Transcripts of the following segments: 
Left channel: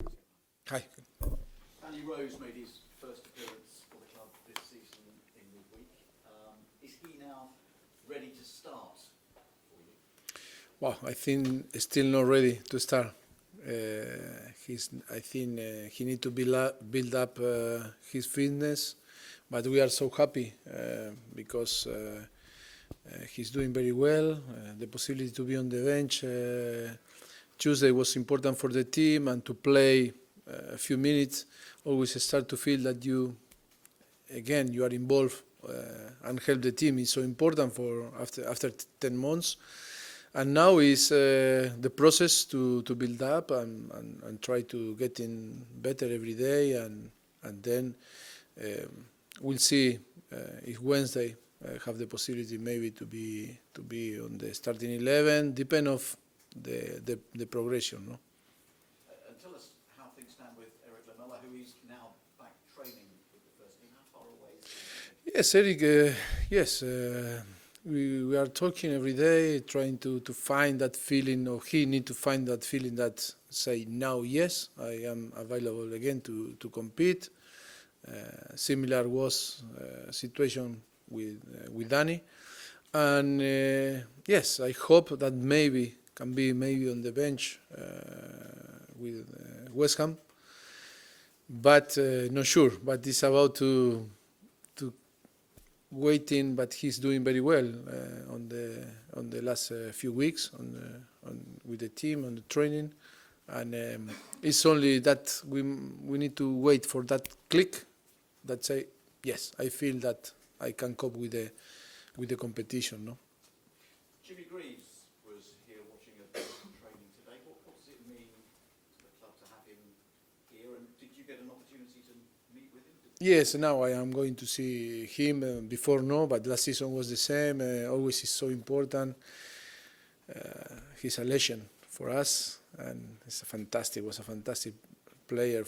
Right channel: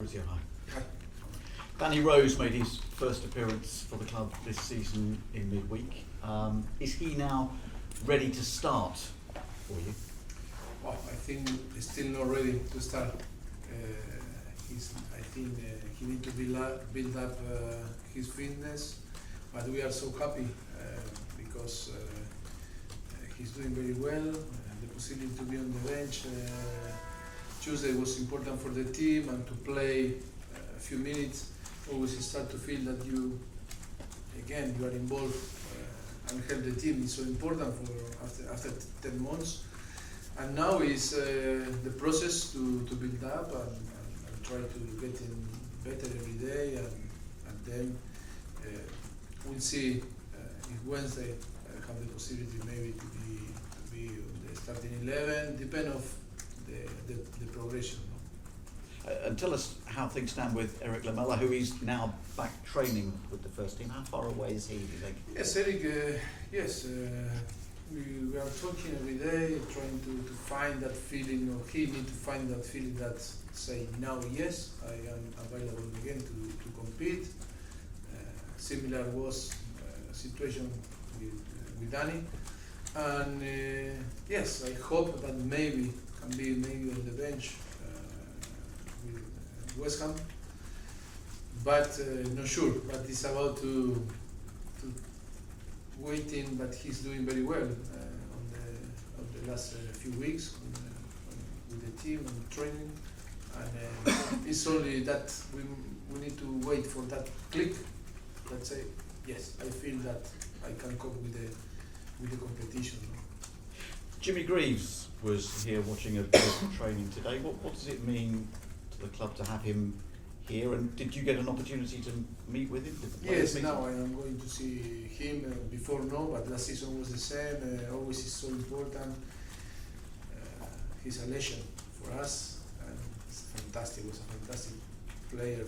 Mauricio, hi. Hi. Danny Rose made his first appearance for the club this season in midweek. Is he now ready to start for you? Well, I think he's still not ready to start. I think he needs to build up his fitness, but we are so happy because he's doing very well. The possibility to be on the bench Tuesday was important for the team, and to play a few minutes always start to feel that you are involved and help the team is so important for after 10 months. And now is the process to build up and try to get in better every day, and then we'll see if Wednesday have the possibility maybe to be on the starting 11, depend of the progression. No? And tell us how things stand with Eric Lamela, who is now back training with the first team. How far away is he, do you think? Yes, Eric, we are talking every day, trying to find that feeling, or he need to find that feeling that say now yes, I am available again to compete. Similar was situation with Danny, and yes, I hope that maybe can be on the bench with West Ham, but not sure. But it's about to waiting. But he's doing very well on the last few weeks with the team on the training, and it's only that we need to wait for that click that say yes, I feel that I can cope with the competition. No? Jimmy Greaves was here watching a bit of training today. What does it mean to the club to have him here, and did you get an opportunity to meet with him? Yes, now I am going to see him. Before no, but last season was the same. Always is so important. He's a legend for us, and was a fantastic player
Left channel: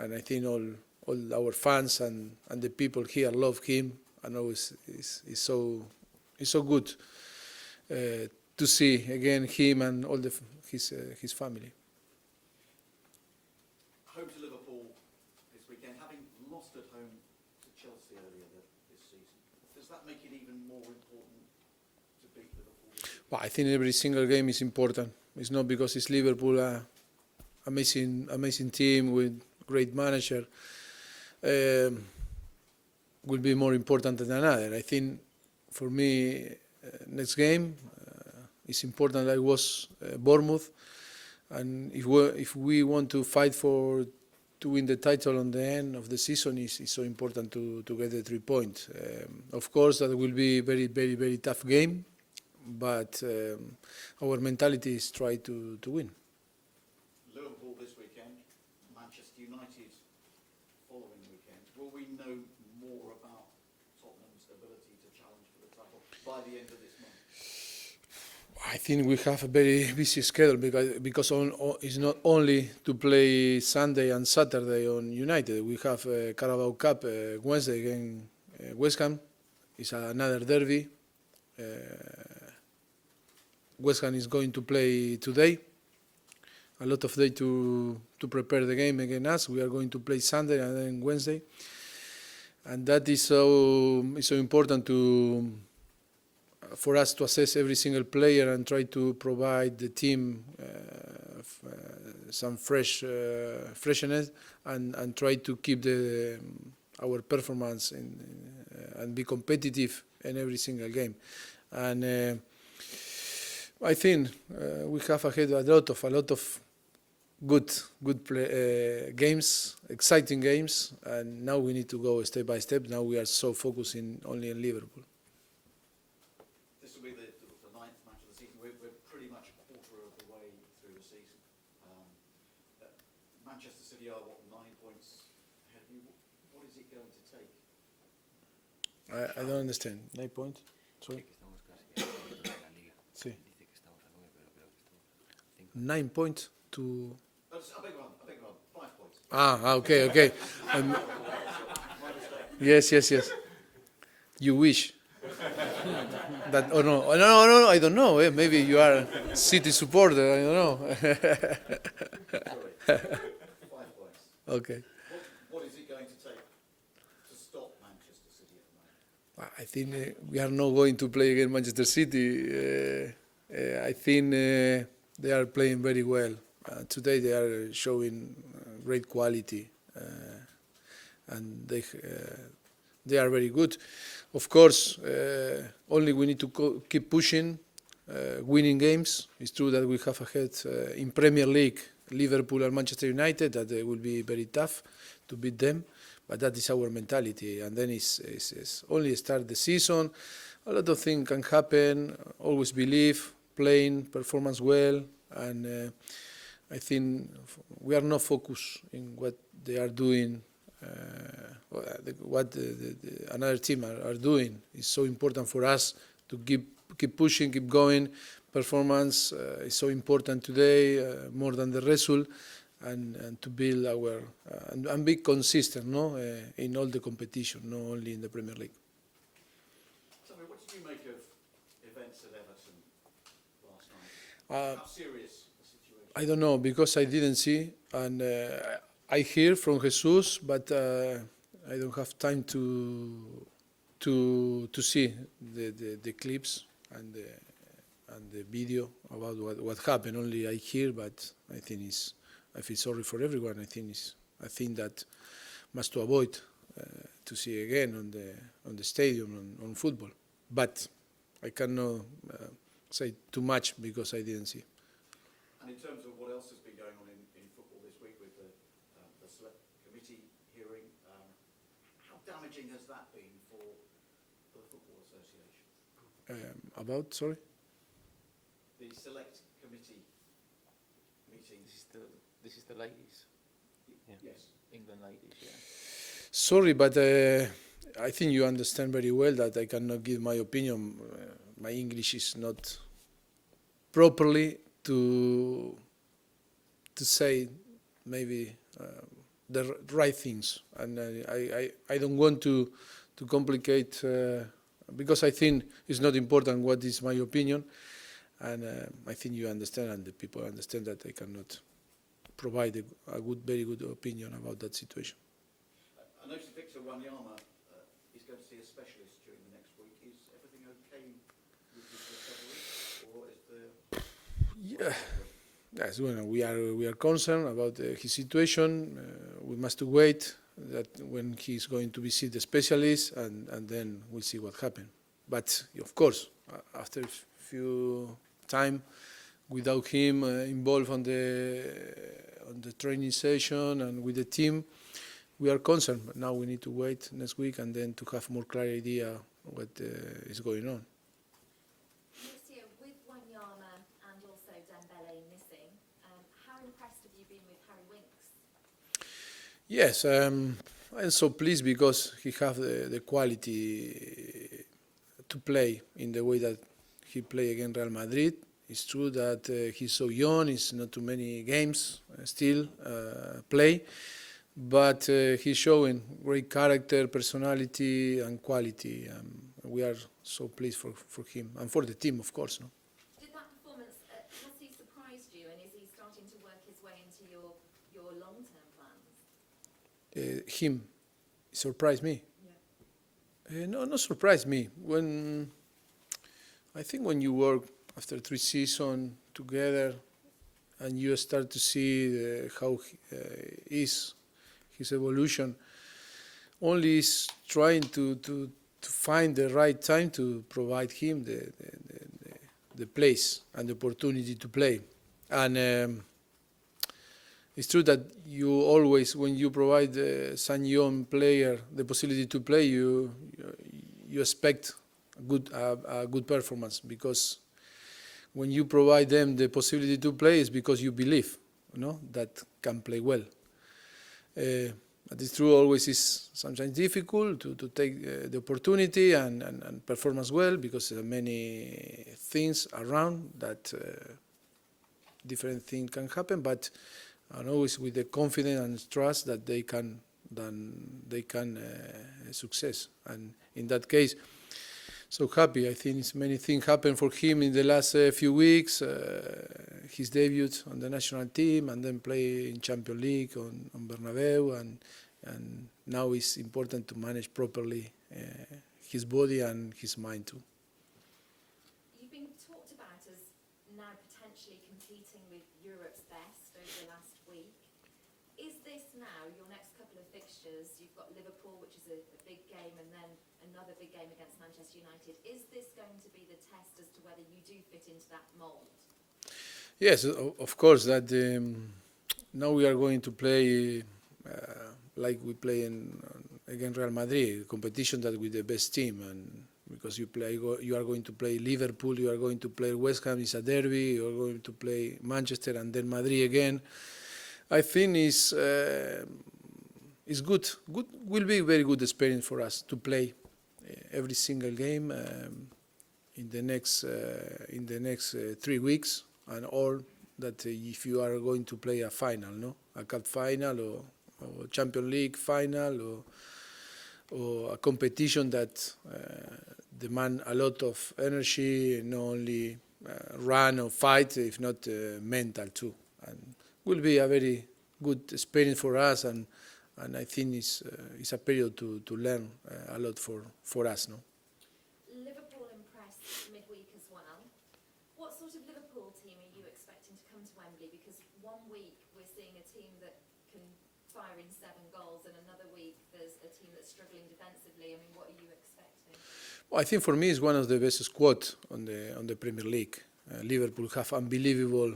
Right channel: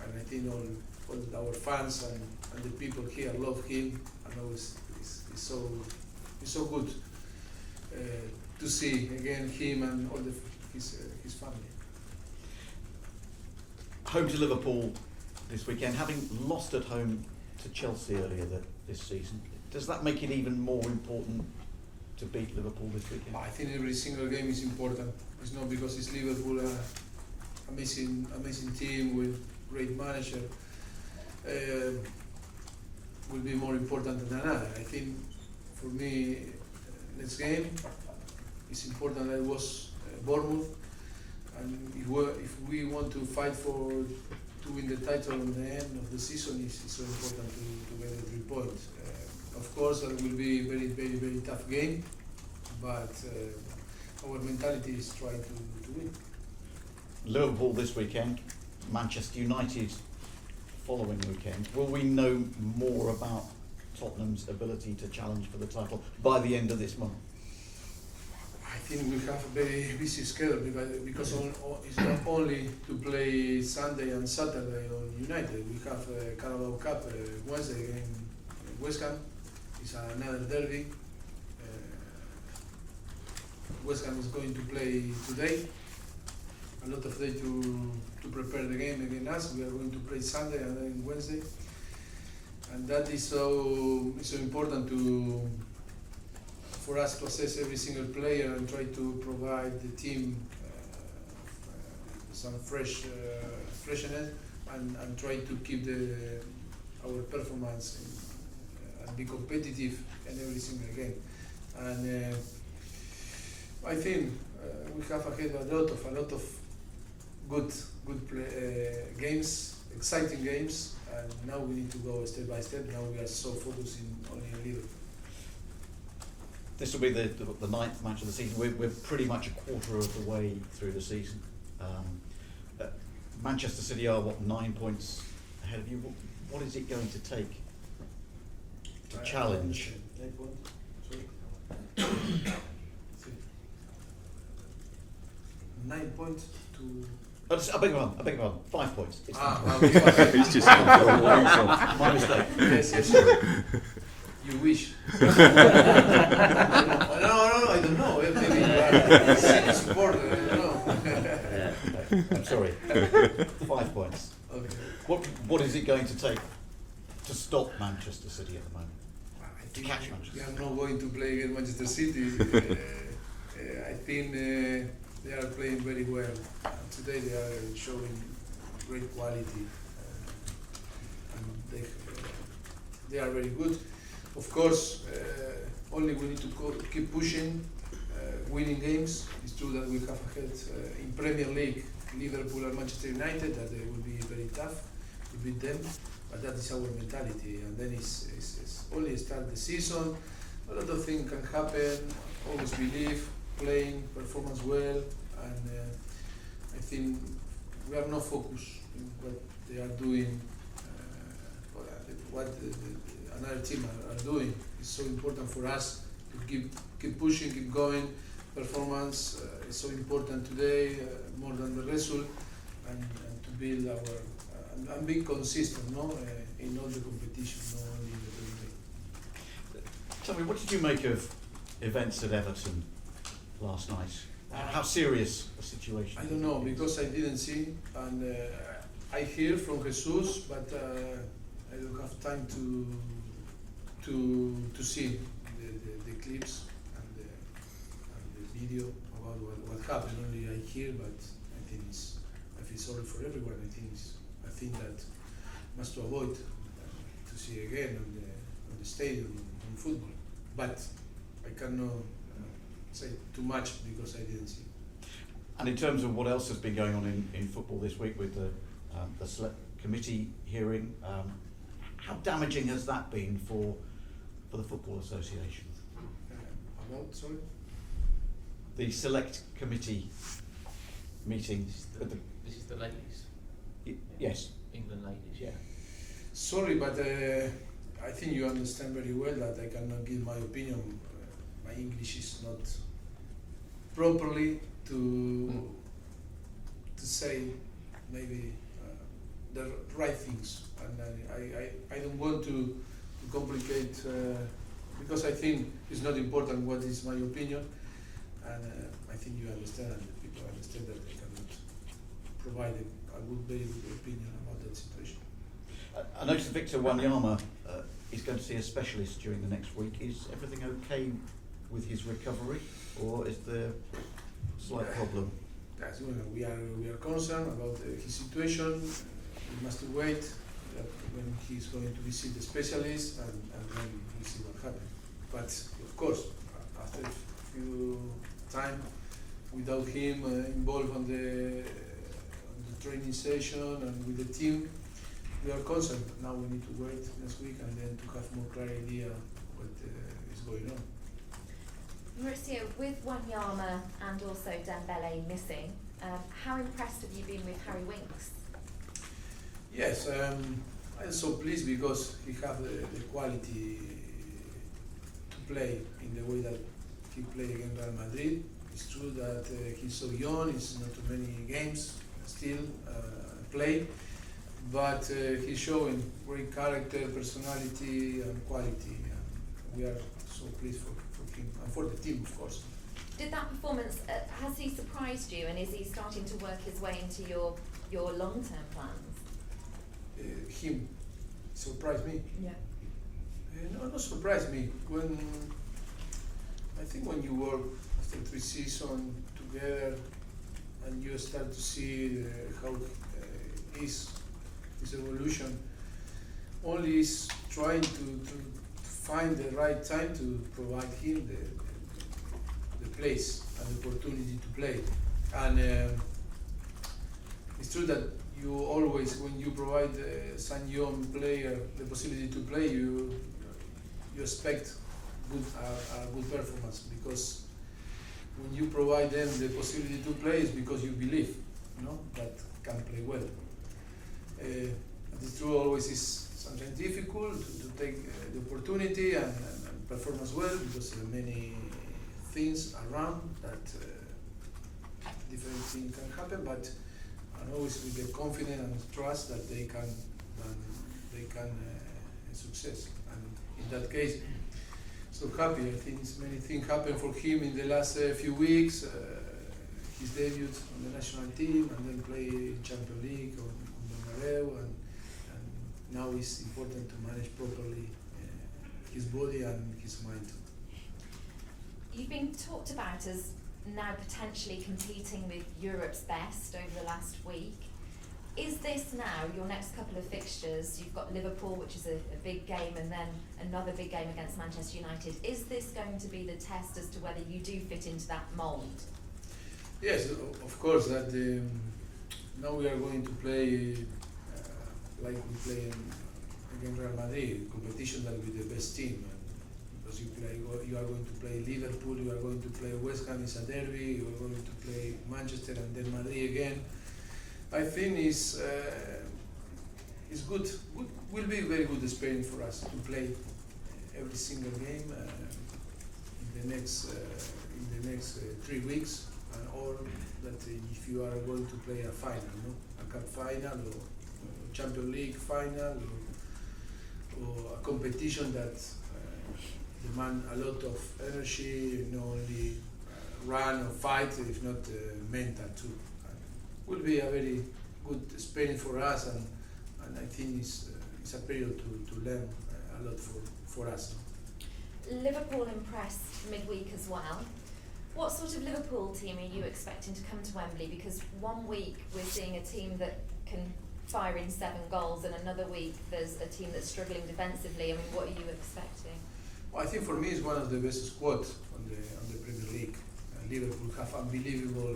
and I think all our fans and the people here love him, and always is so good to see again him and all his family. Home to Liverpool this weekend, having lost at home to Chelsea earlier this season. Does that make it even more important to beat Liverpool this weekend? Well, I think every single game is important. It's not because it's Liverpool, amazing team with great manager. Will be more important than another. I think for me, next game it's important. I was Bournemouth, and if we want to fight to win the title on the end of the season, it's so important to get the 3 points. Of course, that will be very tough game, but our mentality is try to win. Liverpool this weekend, Manchester United following weekend. Will we know more about Tottenham's ability to challenge for the title by the end of this month? I think we have a very busy schedule because it's not only to play Sunday and Saturday on United. We have Carabao Cup Wednesday against West Ham. It's another derby. West Ham is going to play today. A lot of day to prepare the game against us. We are going to play Sunday and then Wednesday, and that is so important for us to assess every single player and try to provide the team some freshness and try to keep our performance and be competitive in every single game. And I think we have ahead a lot of good games, exciting games, and now we need to go step by step. Now we are so focusing only on Liverpool. This will be the ninth match of the season. We're pretty much a quarter of the way through the season. Manchester City are 9 points ahead of you. What is it going to take to challenge? I don't understand. 9 points. Sorry. See. 9 points to. I beg your pardon. 5 points. Okay. It's just my mistake. Yes. You wish. I don't know. No, I don't know. Maybe you are a City supporter. I don't know. I'm sorry. 5 points. Okay. What is it going to take to stop Manchester City at the moment? I think Catch we Manchester. are not going to play against Manchester City. I think they are playing very well. Today they are showing great quality, and they are very good. Of course, only we need to keep pushing, winning games. It's true that we have ahead in Premier League Liverpool and Manchester United, that they will be very tough to beat them, but that is our mentality. And then it's only start the season. A lot of things can happen. Always believe, playing, performance well, and I think we are not focused in what they are doing. What another team are doing is so important for us to keep pushing, keep going. Performance is so important today, more than the result, and to build our and be consistent, in all the competition, not only in the Premier League. Tell me, what did you make of events at Everton last night? How serious a situation? I don't know, because I didn't see, and I hear from Jesus, but I don't have time to see the clips and the video about what happened. Only I hear, but I think I feel sorry for everyone. I think that must to avoid to see again on the stadium on football. But I cannot say too much because I didn't see. And in terms of what else has been going on in football this week with the select committee hearing, how damaging has that been for the Football Association? Sorry? The select committee meetings. This is the ladies. Yes. England ladies. Yeah. Sorry, but I think you understand very well that I cannot give my opinion. My English is not properly to say maybe the right things, and I don't want to complicate because I think it's not important what is my opinion, and I think you understand and the people understand that I cannot provide a very good opinion about that situation. I noticed Victor Wanyama is going to see a specialist during the next week. Is everything okay with his recovery, or is there a slight problem? Yes, well, we are concerned about his situation. We must wait that when he's going to visit the specialist, and then we'll see what happens. But of course, after a few time without him involved on the training session and with the team, we are concerned. But now we need to wait next week and then to have more clear idea what is going on. Mauricio, with Wanyama and also Dembele missing, how impressed have you been with Harry Winks? Yes, I'm so pleased because he has the quality to play in the way that he played against Real Madrid. It's true that he's so young, it's not too many games still play, but he's showing great character, personality and quality. We are so pleased for him and for the team, of course. Did that performance, has he surprised you, and is he starting to work his way into your long-term plans? Him surprised me. Yeah. No, not surprised me. I think when you work after 3 seasons together and you start to see how is his evolution, only is trying to find the right time to provide him the place and the opportunity to play. And it's true that you always, when you provide some young player the possibility to play, you expect a good performance, because when you provide them the possibility to play, it's because you believe, that can play well. But it's true, always is sometimes difficult to take the opportunity and performance well, because there are many things around that different things can happen, but and always with the confidence and trust that they can success. And in that case, so happy. I think many things happened for him in the last few weeks. His debut on the national team, and then play in Champions League on Bernabeu, and now it's important to manage properly his body and his mind too. You've been talked about as now potentially competing with Europe's best over the last week. Is this now your next couple of fixtures? You've got Liverpool, which is a big game, and then another big game against Manchester United. Is this going to be the test as to whether you do fit into that mould? Yes, of course. That now we are going to play like we play against Real Madrid, a competition that with the best team, and because you are going to play Liverpool, you are going to play West Ham, it's a derby, you are going to play Manchester and then Madrid again. I think it's good. Will be a very good experience for us to play every single game in the next 3 weeks, and all that if you are going to play a final, a cup final or Champions League final or a competition that demand a lot of energy, not only run or fight, if not mental too. And will be a very good experience for us, and I think it's a period to learn a lot for us now. Liverpool impressed midweek as well. What sort of Liverpool team are you expecting to come to Wembley? Because one week we're seeing a team that can fire in 7 goals, and another week there's a team that's struggling defensively. I mean, what are you expecting? Well, I think for me it's one of the best squads on the Premier League. Liverpool have unbelievable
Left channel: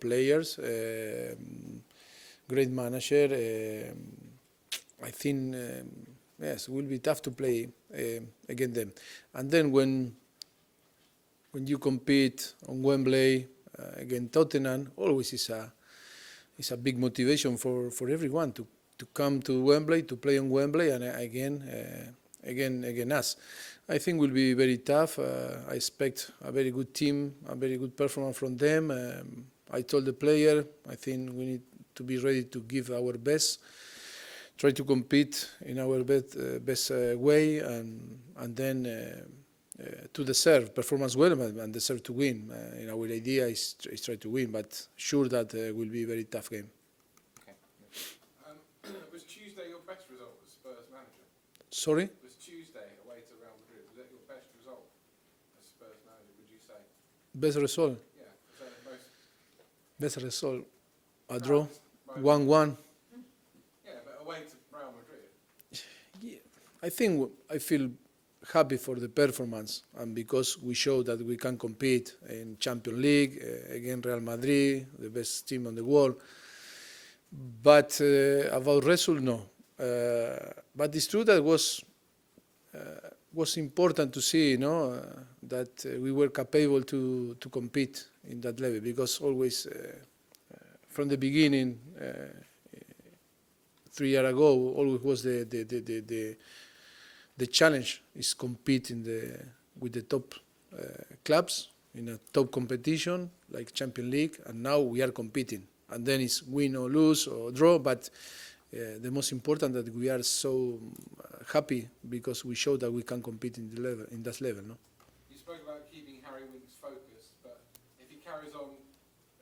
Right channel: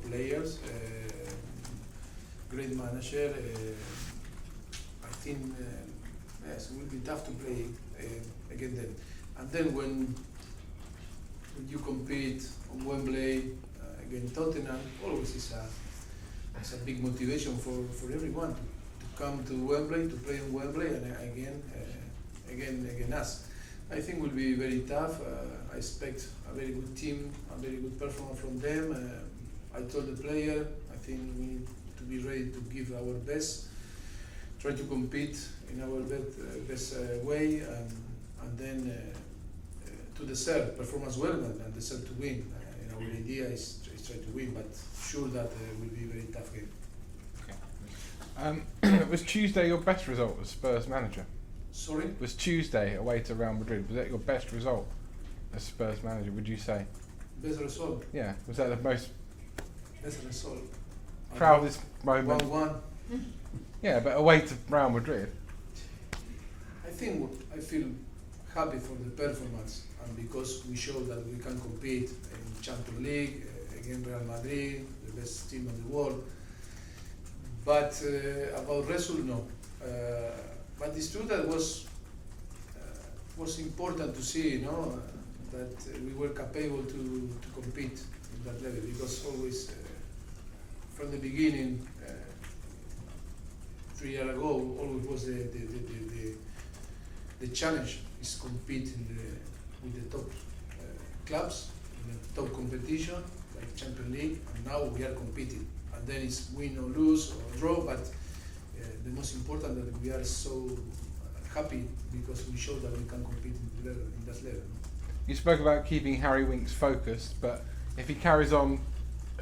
players, great manager. I think yes, it will be tough to play against them. And then when you compete on Wembley against Tottenham, always is a big motivation for everyone to come to Wembley, to play on Wembley, and again us. I think will be very tough. I expect a very good team, a very good performance from them. I told the player, I think we need to be ready to give our best, try to compete in our best way, and then to deserve performance well and deserve to win. Our idea is try to win, but sure that will be a very tough game. Okay. Was Tuesday your best result as Spurs manager? Sorry? Was Tuesday away to Real Madrid, was that your best result as Spurs manager, would you say? Best result? Yeah. Was that the most Best result? proudest moment? 1-1. Yeah, but away to Real Madrid. I think I feel happy for the performance, and because we show that we can compete in Champions League against Real Madrid, the best team in the world. But about result, no. But it's true that was important to see, that we were capable to compete in that level, because always from the beginning, 3 years ago, always was the challenge is competing with the top clubs in a top competition like Champions League, and now we are competing, and then it's win or lose or draw, but the most important that we are so happy because we show that we can compete in that level. No? You spoke about keeping Harry Winks focused, but if he carries on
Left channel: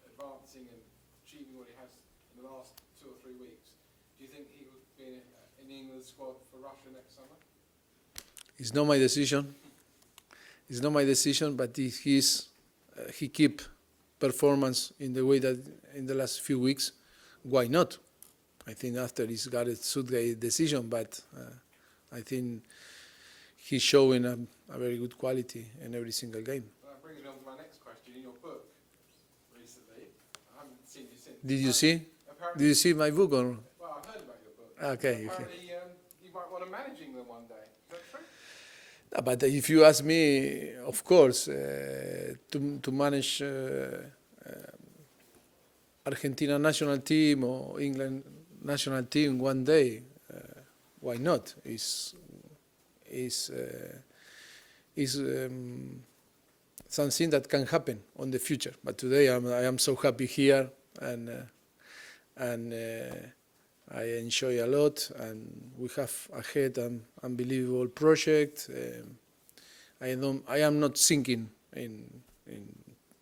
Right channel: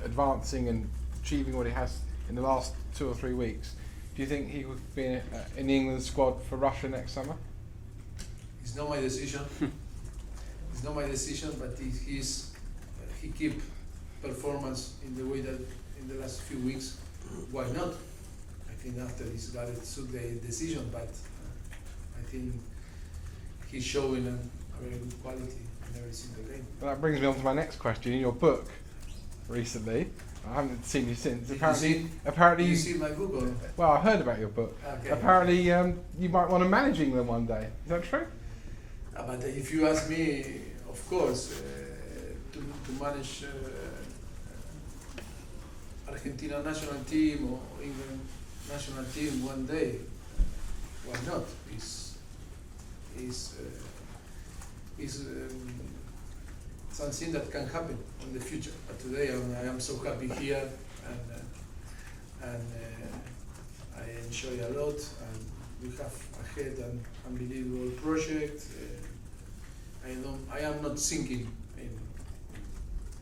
advancing and achieving what he has in the last 2 or 3 weeks, do you think he would be in the England squad for Russia next summer? It's not my decision. It's not my decision, but he keep performance in the way that in the last few weeks. Why not? I think after he's got a Southgate decision, but I think he's showing a very good quality in every single game. Well, that brings me on to my next question. In your book recently, I haven't seen you since. Did you see? Apparently, Did you see my book or? Well, I heard about your book. Okay. Apparently, you might want to manage England one day. Is that true? No, but if you ask me, of course, to manage Argentina national team or England national team one day, why not? Is something that can happen on the future. But today I am so happy here, and I enjoy a lot, and we have ahead an unbelievable project. I am not thinking in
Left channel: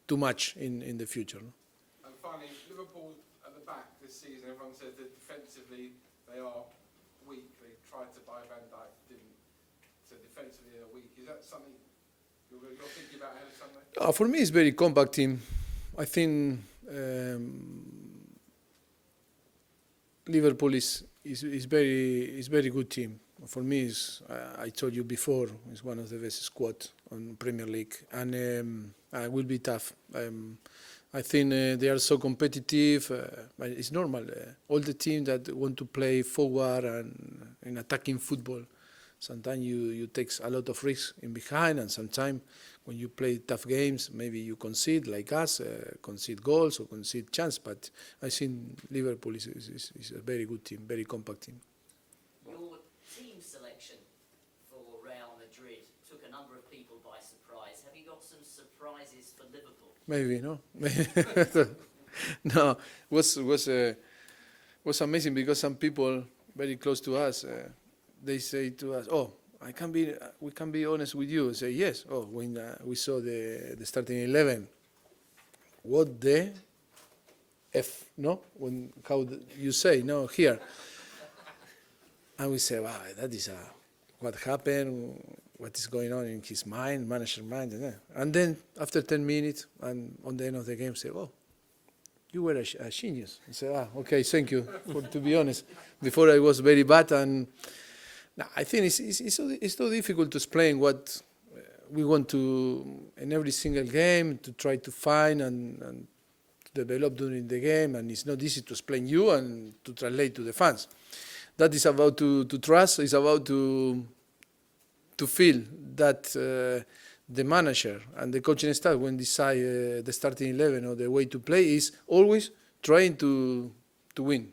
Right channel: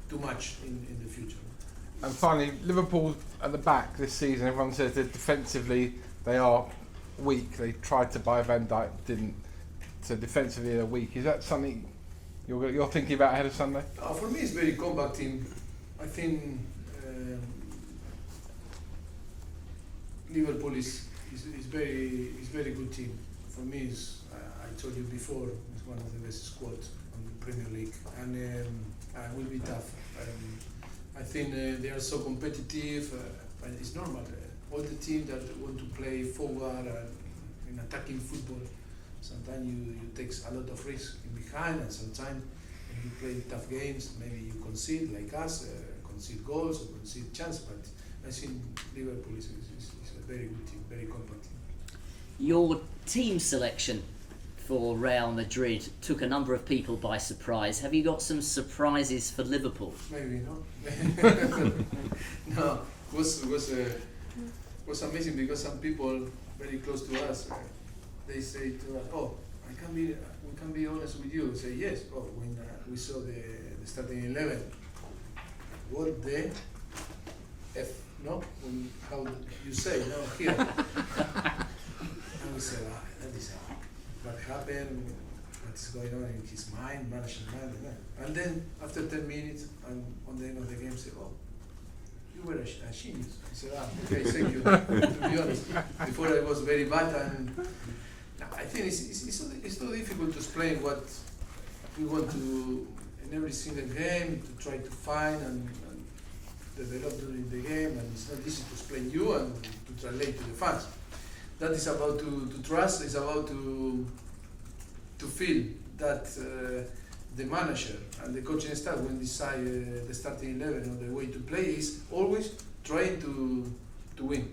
too much in the future. And finally, Liverpool at the back this season, everyone says that defensively they are weak. They tried to buy Van Dijk, didn't. So defensively they're weak. Is that something you're thinking about ahead of Sunday? For me, it's very compact team. I think Liverpool is very good team. For me, I told you before, it's one of the best squad on Premier League, and it will be tough. I think they are so competitive, but it's normal. All the teams that want to play forward and in attacking football, sometimes you take a lot of risks in behind, and sometimes when you play tough games, maybe you concede, like us, concede goals or concede chance. But I think Liverpool is a very good team, very compact team. Your team selection for Real Madrid took a number of people by surprise. Have you got some surprises for Liverpool? Maybe, no? No, was amazing because some people very close to us, they say to us, "Oh, we can be honest with you." I say, "Yes." Oh, when we saw the starting 11, what the F, no? How you say, no, here. And we say, that is what happened, what is going on in his mind, manager's mind. And then after 10 minutes, and on the end of the game, say, "Oh, you were a genius." I say, "Okay, thank you." To be honest, before I was very bad, and I think it's so difficult to explain what we want to in every single game to try to find and develop during the game, and it's not easy to explain you and to translate to the fans. That is about to trust. It's about to feel that the manager and the coaching staff, when decide the starting 11 or the way to play, is always trying to win.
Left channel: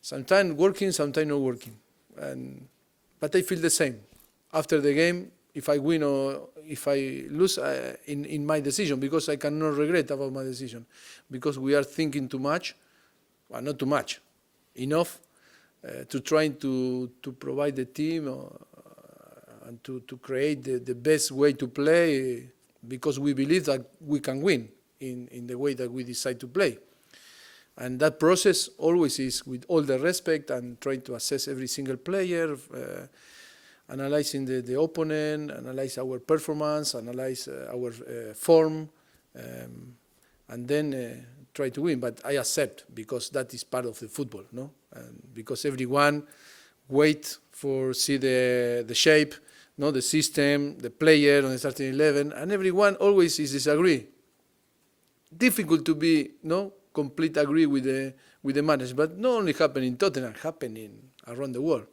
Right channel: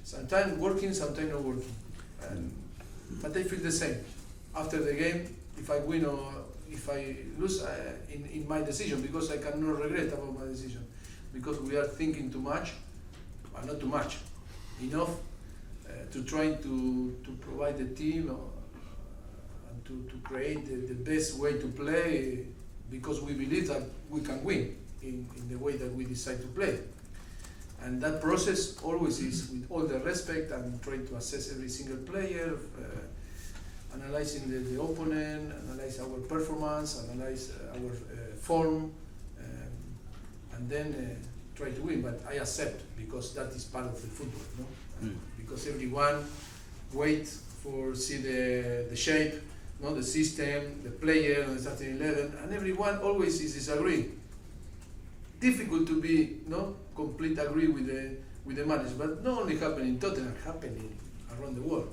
Sometimes working, sometimes not working. But I feel the same. After the game, if I win or if I lose, in my decision, because I cannot regret about my decision, because we are thinking too much, well, not too much, enough. To trying to provide the team and to create the best way to play, because we believe that we can win in the way that we decide to play. And that process always is with all the respect and trying to assess every single player, analyzing the opponent, analyze our performance, analyze our form, and then try to win. But I accept, because that is part of the football, no? Because everyone wait for see the shape, no, the system, the player on the starting 11, and everyone always is disagree. Difficult to be complete agree with the manager, but not only happen in Tottenham, happening around the world.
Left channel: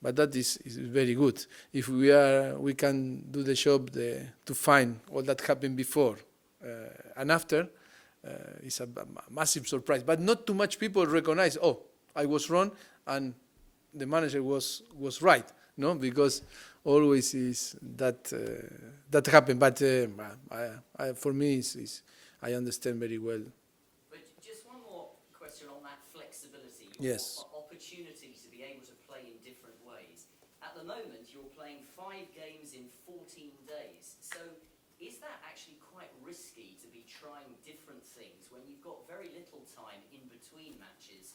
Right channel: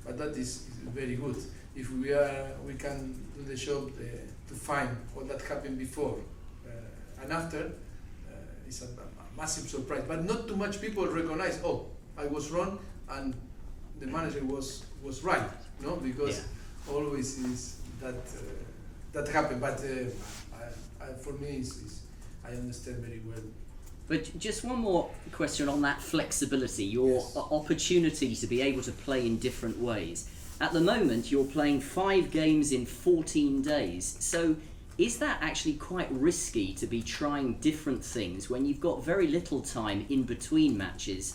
But that is very good. If we can do the job to find all that happened before and after, it's a massive surprise. But not too much people recognize, "Oh, I was wrong and the manager was right," no? Because always is that happen. But for me, I understand very well. But just one more question on that flexibility, your opportunity to be able to play in different ways. At the moment, you're playing 5 games in 14 days. So is that actually quite risky to be trying different things when you've got very little time in between matches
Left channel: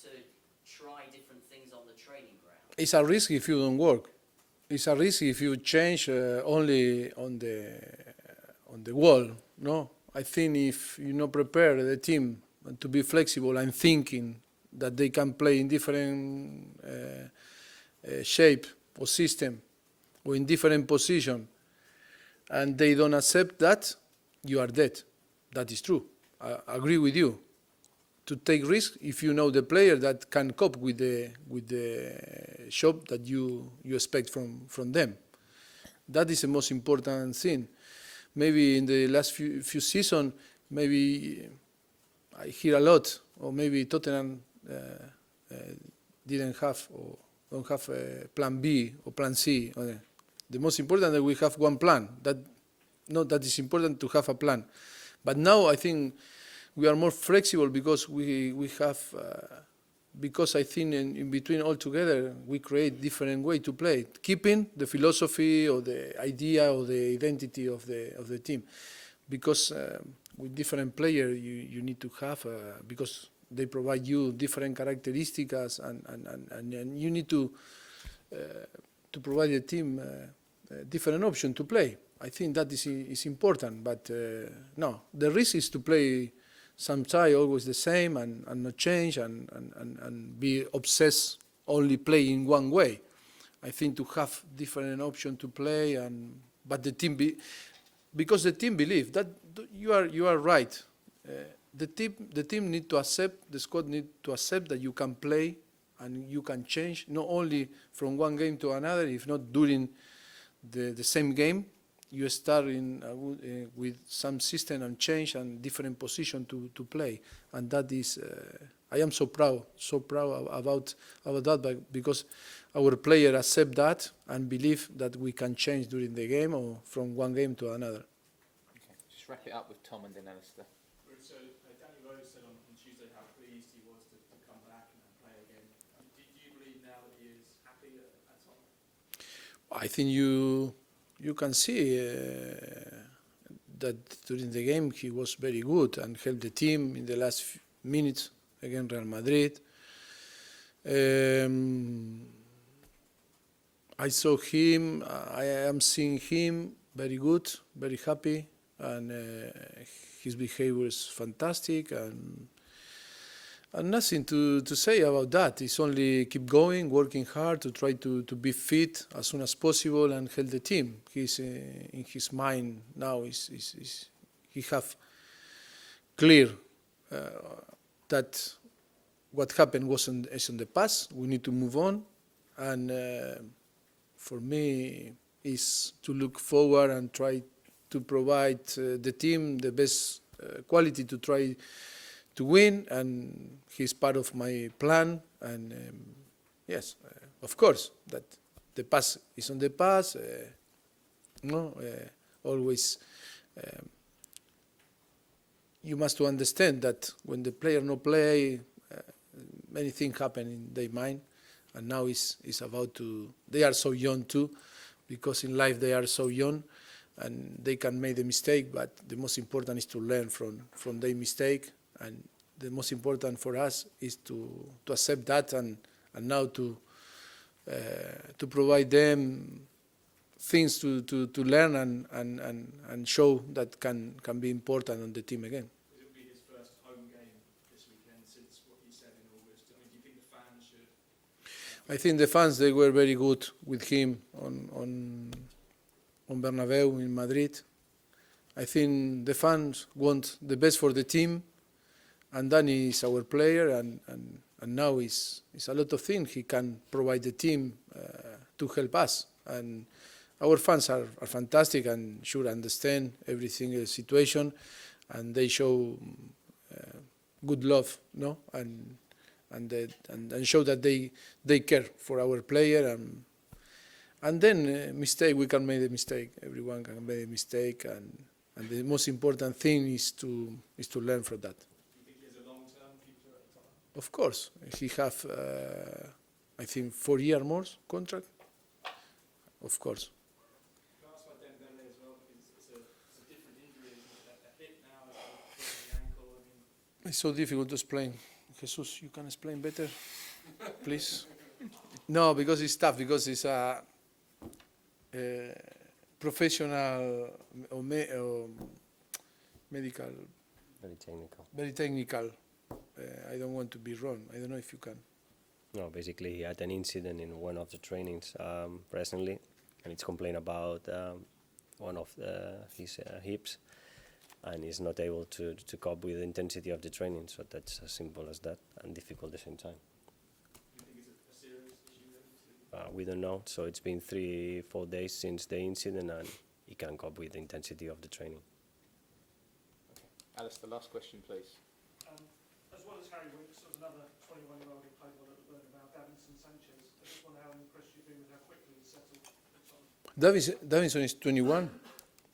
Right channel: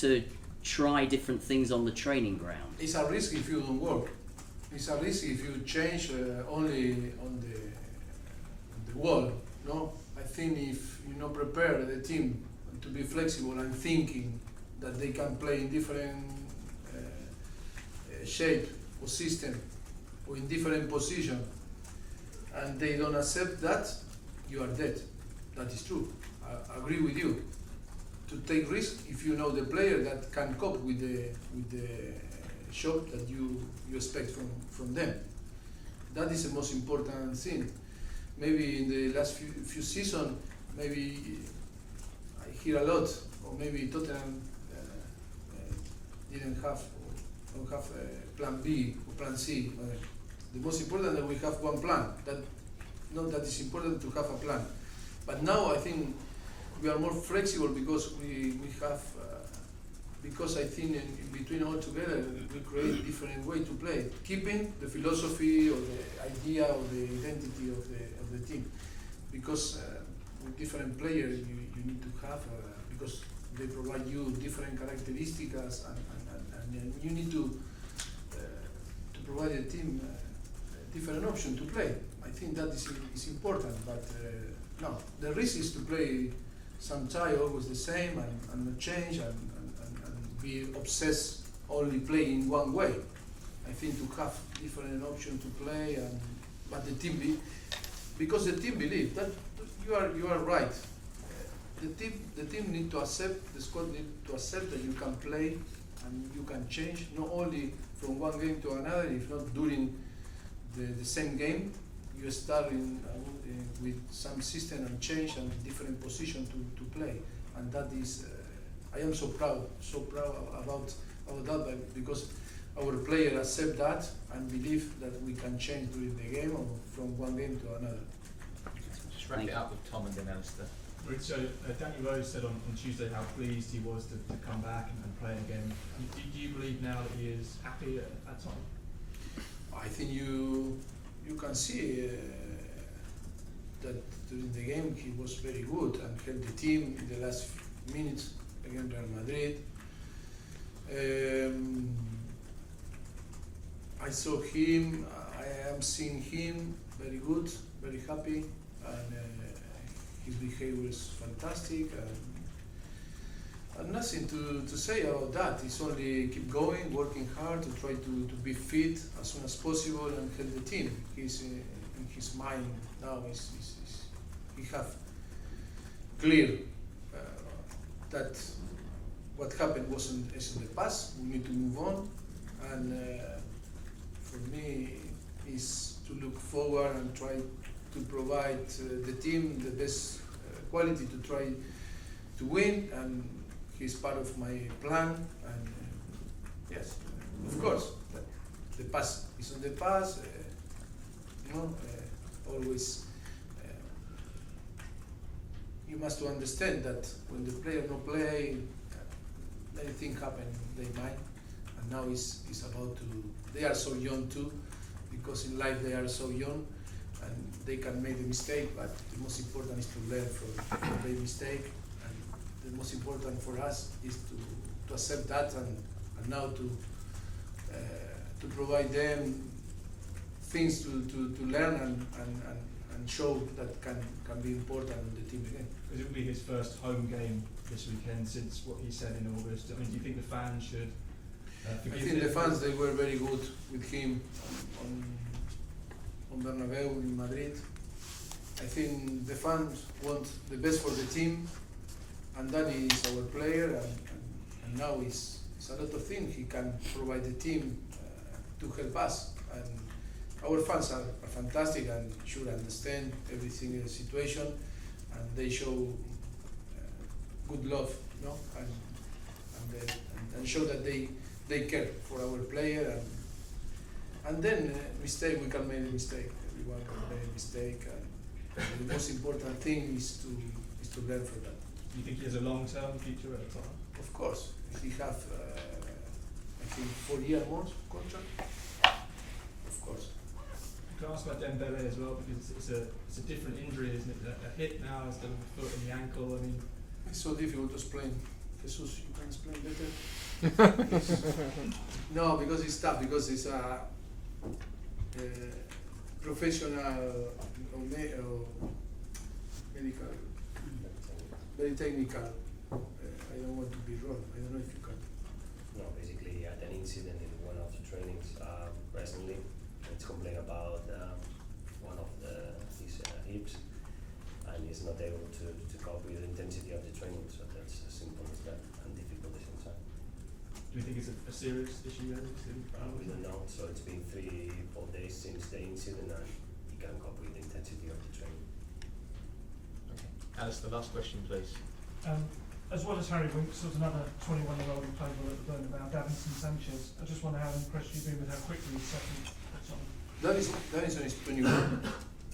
to try different things on the training ground? It's a risk if you don't work. It's a risk if you change only on the wall. No, I think if you prepare the team to be flexible and thinking that they can play in different shape or system or in different position, and they don't accept that, you are dead. That is true. I agree with you. To take risk if you know the player that can cope with the job that you expect from them. That is the most important thing. Maybe in the last few seasons, maybe I hear a lot, or maybe Tottenham don't have a plan B or plan C. The most important that we have one plan. That is important to have a plan. But now I think we are more flexible because we have because I think in between all together we create different way to play, keeping the philosophy or the idea or the identity of the team, because with different players you need to have because they provide you different characteristics and you need to provide the team different option to play. I think that is important, but no, the risk is to play sometimes always the same and not change and be obsessed only playing one way. I think to have different option to play but the team because the team believe that you are right. The team need to accept, the squad need to accept that you can play and you can change not only from one game to another, if not during the same game. You start with some system and change and different position to play, and that is I am so proud about that because our player accept that and believe that we can change during the game or from one game to another. Just wrap it up with Tom and then Alistair. So Danny Rose said on Tuesday how pleased he was to come back and play again. Do you believe now that he is happy at Tottenham? I think you can see that during the game he was very good and helped the team in the last minutes against Real Madrid. I saw him, I am seeing him very good, very happy, and his behavior is fantastic, and nothing to say about that. It's only keep going, working hard to try to be fit as soon as possible and help the team. He's in his mind now. He have clear that what happened is in the past. We need to move on, and for me, is to look forward and try to provide the team the best quality to try to win, and he's part of my plan. And yes, of course, that the past is on the past. Always you must understand that when the player no play, many things happen in their mind, and now it's about to. They are so young too, because in life they are so young, and they can make a mistake. But the most important is to learn from their mistake, and the most important for us is to accept that and now to provide them things to learn and show that can be important on the team again. It will be his first home game this weekend since what he said in August. I mean, do you think the fans should? I think the fans, they were very good with him on Bernabeu in Madrid. I think the fans want the best for the team, and Danny is our player, and now it's a lot of things he can provide the team to help us. And our fans are fantastic and should understand every single situation, and they show good love, no, and show that they care for our player, and then mistake, we can make a mistake. Everyone can make a mistake, and the most important thing is to learn from that. Do you think he has a long-term future at the time? Of course, he have I think 4 year more contract. Of course. Can I ask about Dembele as well, because it's a different injury, isn't it? A hit now instead of a foot in the ankle. I mean, It's so difficult to explain. Jesus, you can explain better, please. No, because it's tough. Because it's a professional or medical, very technical. I don't want to be wrong. I don't know if you can. No, basically he had an incident in one of the trainings recently, and it's complained about one of his hips, and he's not able to cope with the intensity of the training. So that's as simple as that, and difficult at the same time. do you think it's a serious issue then? We don't know. So it's been 3-4 days since the incident, and he can't cope with the intensity of the training. Okay. Alice, the last question, please. As well as Harry Winks, there's another 21-year-old who played well at the Bernabeu, Davinson Sanchez. I just wonder how impressed you've been with how quickly he's settled at Tottenham. Davinson is 21.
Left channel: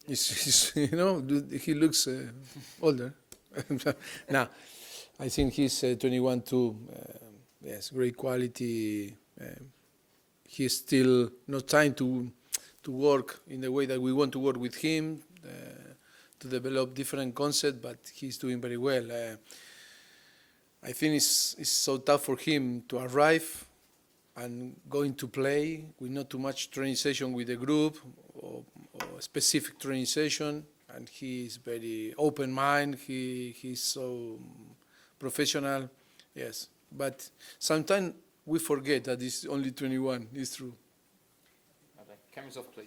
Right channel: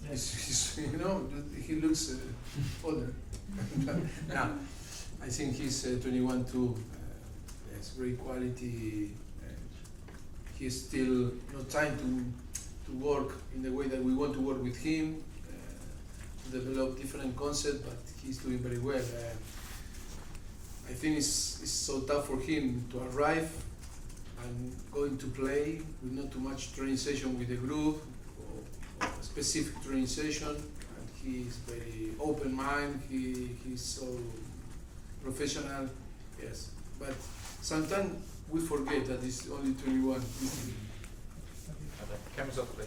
He's you know, he looks older. No, I think he's 21 too. Yeah, Yes, great quality. He's still not trying to work in the way that we want to work with him, to develop different concepts, but he's doing very well. I think it's so tough for him to arrive and going to play with not too much training session with the group or specific training session, and he's very open mind. He's so professional, yes. But sometimes we forget that he's only 21. It's true. Cameras off, please.